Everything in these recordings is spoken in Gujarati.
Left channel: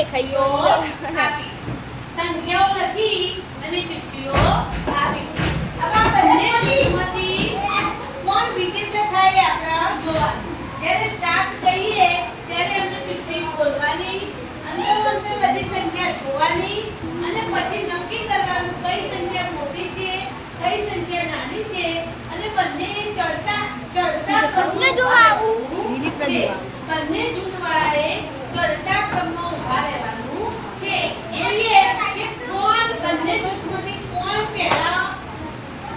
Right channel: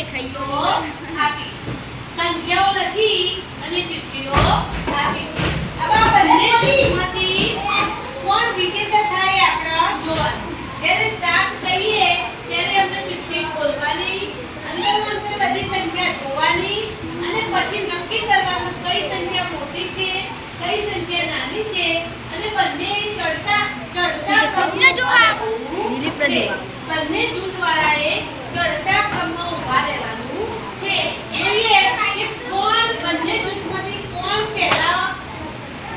દેખાયો આપી સંખ્યાઓ લખી અને ચિઠ્ઠીઓ આપી છે. હવે આ બંને ચિઠ્ઠીમાંથી કોણ વિજેતા થાય આપણે જોવાનું. જ્યારે સ્ટાર્ટ કરીએ ત્યારે અમને ચિઠ્ઠી ખોલવાની, અંદર બધી સંખ્યા જોવાની અને પછી નક્કી કરવાનું કઈ સંખ્યા મોટી છે કઈ સંખ્યા નાની છે અને બંને ચડતા ક્રમમાં જોવા આવું છે. બંને જૂથવાળાએ ચડતા ક્રમમાં ઊભા રહેવાનું છે. જોઈએ કે કોણ બંને જૂથમાંથી કોણ પહેલા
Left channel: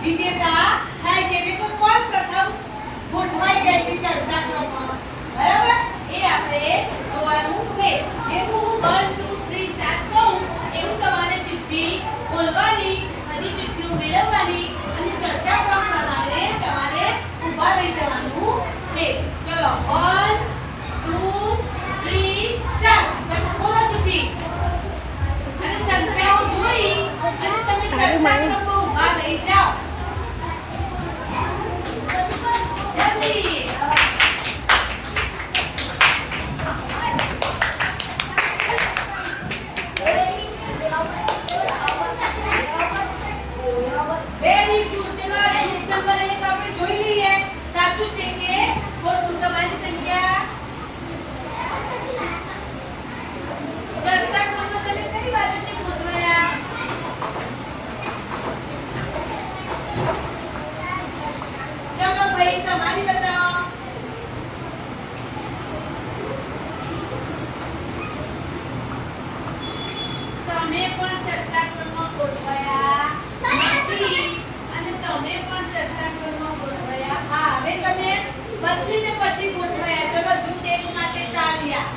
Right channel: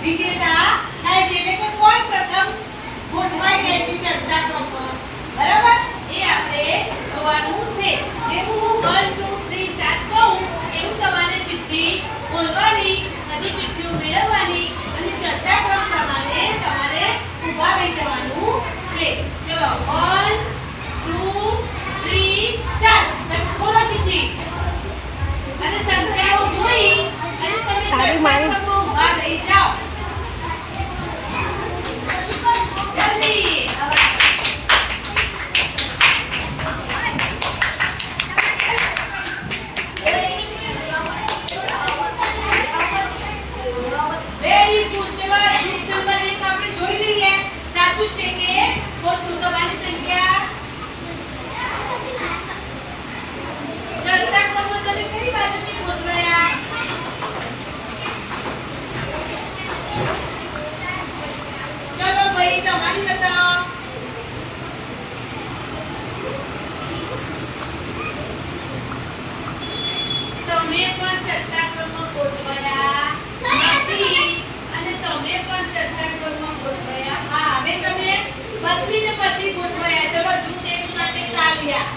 વિજેતા થાય છે, એટલે કે કોણ પ્રથમ ગોઠવાઈ જાય છે ચડતા ક્રમમાં. બરાબર, એ આપણે જોવાનું છે. જેવું હું 1 2 3 સ્ટાર્ટ કહું એવું તમારે ચિઠ્ઠી ખોલવાની, બધી ચિઠ્ઠીઓ મેળવવાની અને ચડતા ક્રમ પ્રમાણે તમારે ઊભા રહી જવાનું છે. ચલો 1 2 3 સ્ટાર્ટ. ખોલો ચિઠ્ઠી અને સંખ્યાઓ જોઈ અને તમે ચડતા ક્રમમાં ઊભા રહી જાઓ. જલ્દી વેરી ગુડ. ચલો જૂથ નંબર 1 આપણે જોઈ લઈએ સાચું છે કે ખોટું. તમારી સંખ્યા ચડતા ક્રમમાં તમે કઈ બાજુથી ગોઠવાયા? ચલો ભાઈ તમારી બતાવો. તમે પણ ચડતા ક્રમમાં ગોઠવાયા નથી અને તમે પણ ચડતા ક્રમમાં ગોઠવાયા. હા, હવે તમે બદલીને પછી ગોઠવાયા. ચલો જૂથ 1 માટે તાલિયા.